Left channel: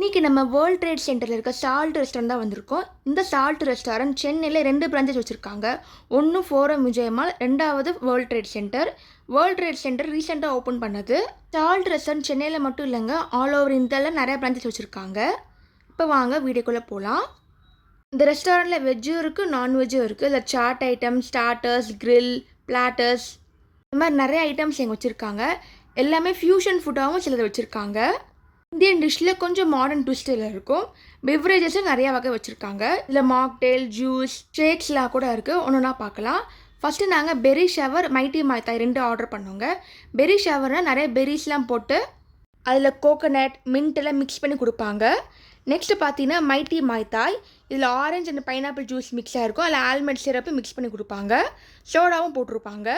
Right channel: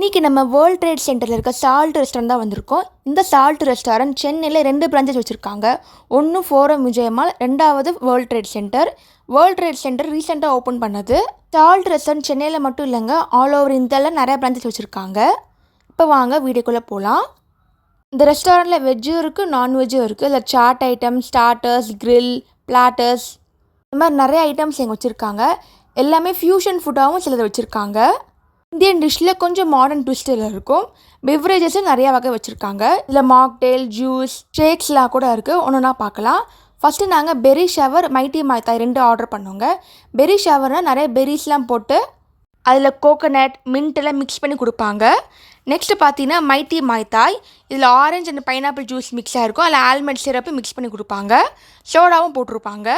இன்றைக்கி நம்ம world trade சென்டரில் இருக்க சால்ட் ரெஸ்டாரண்ட் தான் வந்திருக்கோம். இந்த சால்ட் ரெஸ்டாரண்ட் சென்னையில் 2 பிரான்ச்சஸ் வச்சுருக்காங்க. ஒன்று ஃபோரம் விஜயமால், ரெண்டாவது world trade centre. World trade centre ரீசெண்டாக ஓப்பன் பண்ணது. சால்ட் ரெஸ்டாரண்ட் சென்னையில் மட்டும் இல்லைங்க, ஆல் ஓவர் இந்தியாவில் நிறைய பிரான்ச்சஸ் வச்சுருக்காங்க. இப்போ வாங்க வீடியோக்குள்ளே போகலாம். இந்த ரெஸ்டாரண்ட்டில் வெஜ்ஜும் இருக்குது, நான்வெஜ்ஜும் இருக்குது. இதில் chaat item, starters, grill, platters, இந்த மாதிரி நிறைய ஐட்டம்ஸ் எங்கே வச்சுருக்காங்க. எல்லாமே ஃப்யூஷன் ஃபுட்டாகவும் சிலது வச்சுருக்காங்க. இந்தியன் டிஷ்ஷில் கொஞ்சம் மாடர்ன் ட்விஸ்டில் இருக்கும். பெவரேஜஸும் நிறையா வகை வச்சுருக்காங்க. இதில் மாக்டெயில், ஜூஸ், ஷேக்ஸ்லாம் கூட இருக்குது. ஒன்றுனா பார்க்கலாம். ஃபஸ்ட்டு நாங்கள் பெரி ஷவர், மைட்டி மாய்த்தாய் 2 ஆர்டர் பண்ணோங்க. பெரி ஷவர்னால் நிறைய பெரிஸ்லாம் போட்டு அதில் கோகோனட், மின்ட்டெல்லாம் மிக்ஸ் பண்ணி கொடுப்பாங்க. நெக்ஸ்ட்டு பார்த்தீங்கன்னா மைட்டி மாய்த்தாய். இதில் ஆரஞ்சு அண்ட் பைனாப்பிள் ஜூஸ் மிக்ஸாக இருக்கும். அதில் ஆல்மண்ட் சிரப்பு மிக்ஸ் பண்ணி கொடுப்பாங்க. சோடாவும் போட்டிருப்பாங்க.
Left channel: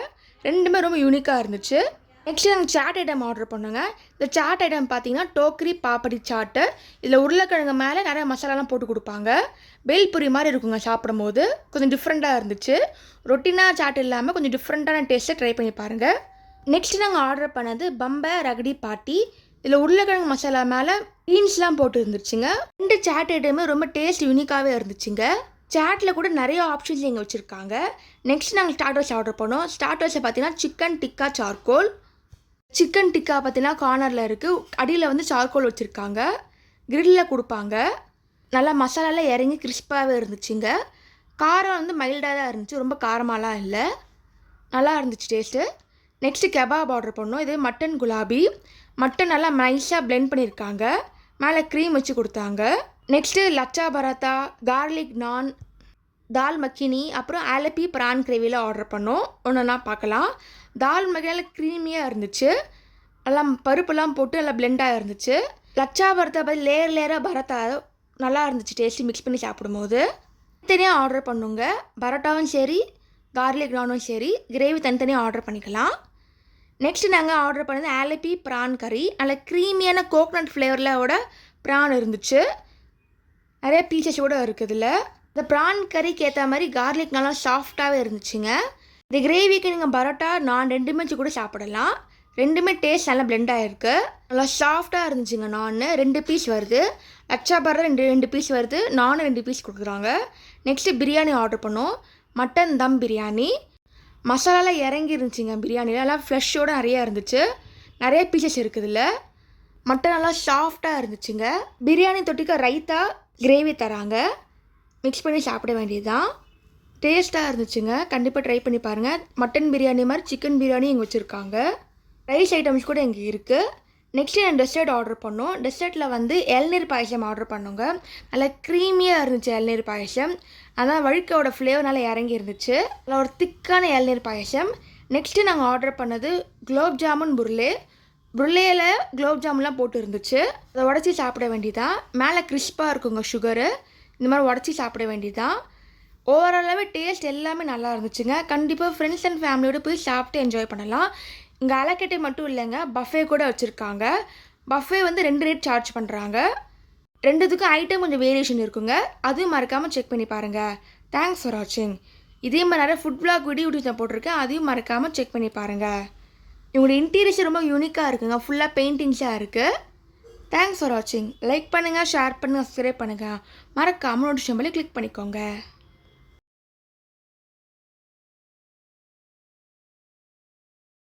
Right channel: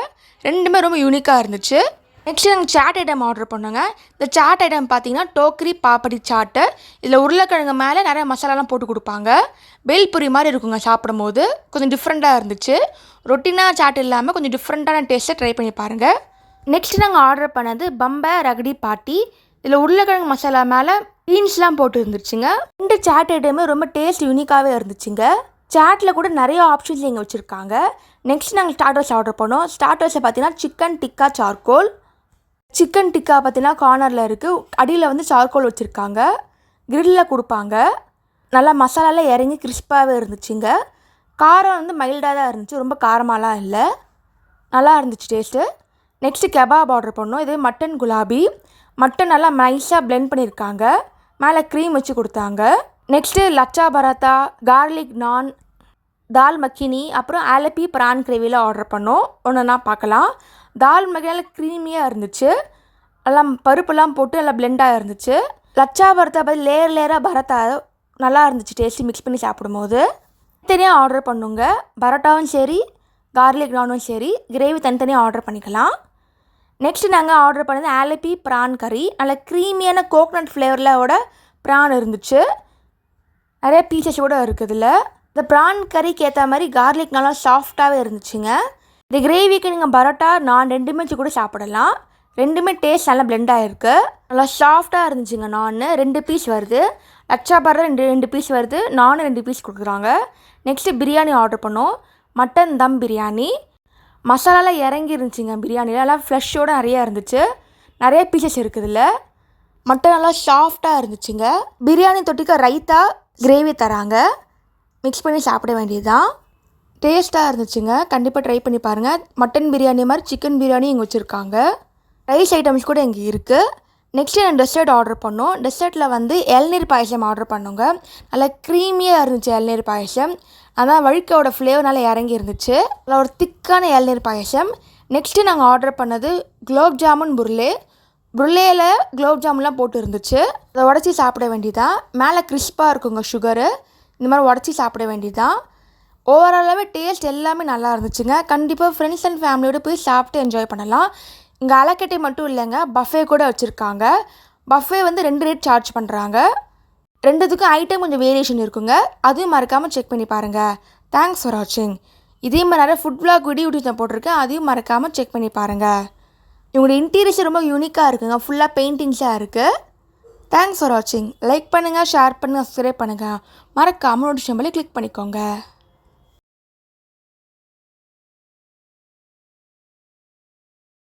ரெண்டுமே ரொம்ப யூனிக்காக இருந்துச்சு. நெக்ஸ்ட்டு நாங்கள் சாட் ஐட்டம் ஆர்டர் பண்ணோங்க. இந்த சாட் ஐட்டம் பார்த்தீங்கன்னா டோக்ரி பாப்படி சாட்டு. இதில் உருளைக்கிழங்கு மேலே நிறைய மசாலாலாம் போட்டு கொடுப்பாங்க. பேல்புரி மாதிரி இருக்குங்க சாப்பிடும் போது. கொஞ்சம் டிஃப்ரெண்ட்டாக இருந்துச்சு. ரொட்டினாக சாட் இல்லாமல் கொஞ்சம் டிஃப்ரெண்ட்டான டேஸ்ட்டை ட்ரை பண்ணி பாருங்கள். நெக்ஸ்ட்டு நாங்கள் ஆர்டர் பண்ணது பம்பை ரகடி பாட்டி. இதில் உருளைக்கிழங்கு மசாலா மேலே பீன்ஸ்லாம் போட்டு இருந்துச்சுங்க. 2 சாட் ஐட்டமே ரொம்ப டேஸ்ட் யூனிக்காகவே இருந்துச்சுங்க. சாட்டில் கூட நிறைய ஆப்ஷன்ஸ் இங்கே வச்சுருக்காங்க. நெக்ஸ்ட் நாங்கள் ஸ்டார்டர்ஸ் ஆர்டர் பண்ணோம். ஸ்டார்டர்ஸை பார்த்தீங்கன்னா chicken tikka charcoal. Chicken tikka பார்த்தீங்கன்னா கார்னரில் இருக்குது. அடியில் வந்து சார்கோல் வச்சுருக்காங்க. கிரில்லில் கொடுப்பாங்க. நல்லா மசாலாலாம் இறங்கி கிறிஸ்பாகவே இருந்துச்சுங்க. காரம் வந்து மைல்டாக தான் இருந்துச்சு, ரொம்ப காரமாலாம் இல்லை. நல்லா இருந்துச்சு டேஸ்ட்டு. நெக்ஸ்ட்டு கெபாப் ஆர்டர் பண்ணோம். இது மட்டன் குலாபி. மட்டன் நல்லா நைஸாக பிளெண்ட் பண்ணியிருக்காங்க. மேலே க்ரீம் வச்சு கொடுத்தாங்க. நெக்ஸ்ட்டு லச்சா பராத்தா, கார்லிக் நான், தால் மக்கினி, அப்புறம் ஆலப்பி ப்ரான் கிரேவியில் ஆர்டர் பண்ணோம். ஒன்றுனா பார்க்கலாம். தால் மக்கினியில் க்ரீமியாக இருந்துச்சு. எல்லாம் பருப்புலாம் போட்டு நல்லா பிளெண்டாக இருந்துச்சு. லச்சா பரத்தா பார்த்து லேயராக பரத்தா நல்லா இருந்துச்சு டேஸ்ட்டு மிக்ஸ் பண்ணி சாப்பிடும்போது. தனியாக ஆர்டர் பண்ணுங்க. பரோட்டாவும் சரி, கார்லிக் நானும் சரி, கிரேவி தனித்தனியாக ஆர்டர் பண்ணிக்கலாம். நெக்ஸ்ட்டு நாங்கள் ஆர்டர் பண்ணது ஆலப்பி ப்ரான் கறி. நல்லா க்ரீமியான கோகனட் ஃப்ளேவரில் ப்ரான் இருந்துச்சு. நிறைய பீசஸ் கூட இருக்குதுல. இந்த ப்ரான் கறிக்கு ஏற்ற மாதிரி கார்லிக் நல்லா சாஃப்டாகவே இருந்துச்சுங்க. இந்த கிரேவிக்கு நீங்கள் பரோட்டா நான் 2மே வச்சு கூட சாப்பிடலாம். ரெண்டுமே டேஸ்ட் நல்லா பிளெண்டாக இருக்குது. நல்லா சாஃப்டாக இருந்துச்சுங்க. நான் 2 பீஸ் வருது. லச்சா பரோட்டா 2 பீஸ் வருது. நானும் 2 பீஸ் கொடுக்குறாங்க. நெக்ஸ்ட்டு பிரியாணி ஆர்டர் பண்ணோம். மட்டன் தம் பிரியாணி. மசாலாலாம் இறங்கி இருந்துச்சுங்க. பிரியாணியில் எல்லாம் ஃப்ளஷ்ஷோடு நிறையா இருந்துச்சு. நிறைய பீசஸ் இருக்குதுல்ல. மட்டன் நல்லா சாஃப்டாக இருந்துச்சுங்க. பிரியாணி தொட்டிக்க ரைத்தா கிரேவி தராங்க. மிக்ஸ் பண்ணி சாப்பிட வேண்டியது தான். டேஸ்ட்டாக இருந்துச்சுங்க. கண்டிப்பாக ட்ரை பண்ணி பாருங்கள். மட்டன் பிரியாணி மாதிரி சிக்கன் பிரியாணி இங்கே வச்சுருக்காங்க. ரைஸ் ஐட்டம்ஸ் கூட இங்கே இருக்குது. நெக்ஸ்ட்டு நான் டெசர்ட் ஆர்டர் பண்ணோம். டெசர்ட்டில் வந்து இளநீர் பாயசம் ஆர்டர் பண்ணோங்க. நல்லா க்ரீமியாக இருந்துச்சு இளநீர் பாயசம். அதான் வழுக்கையோட ஃப்ளேவர் நல்லா இறங்கி இருந்துச்சு. நல்லா ஒரு திக்கான இளநீர் பாயசம். நெக்ஸ்ட்டு நாங்கள் ஆர்டர் பண்ணது குலோப் ஜாமுன் புர்லே. புர்லேயில் குலோப் ஜாமுன்லாம் போட்டு இருந்துச்சு. அதை உடச்சி சாப்பிட வேண்டியதான். மேலே கிறிஸ்பாக இருக்குங்க சுகரு. இந்த மாதிரி உடச்சி சாப்பிட வேண்டியதான். ஓவராலாகவே டேஸ்ட் எல்லாமே நல்லா இருந்துச்சுங்க. கண்டிப்பாக ஃப்ரெண்ட்ஸ் அண்ட் ஃபேமிலியோடு போய் சாப்பிட்டு என்ஜாய் பண்ணலாம். இங்கே அலக்கட்டை மட்டும் இல்லைங்க, பஃபே கூட வச்சுருக்காங்க. பஃபே வந்து 2 ரேட் சார்ஜ் பண்ணுறாங்க. 2த்துக்கும் ஐட்டம் கொஞ்சம் வேரியேஷன் இருக்குங்க. அதுவும் மறக்காமல் செக் பண்ணி பாருங்கள். தேங்க்ஸ் ஃபார் வாட்சிங். இதே மாதிரி நிறைய ஃபுட் விளாக் வீடியோஸ் நான் போட்டிருக்கேன். அதையும் மறக்காமல் செக் பண்ணி பாருங்கள். இவங்களோட இன்டீரியர்ஸ் ரொம்ப யூனிக்காக இருக்குங்க. ஃபுல்லாக பெயிண்டிங்ஸாக இருக்குது. தேங்க்ஸ் ஃபார் வாட்சிங். லைக் பண்ணுங்கள், ஷேர் பண்ணுங்கள், சப்ஸ்கிரைப் பண்ணுங்கள். மறக்காமல் நோட்டிஃபிகேஷன் பெல் கிளிக் பண்ணிக்கோங்க.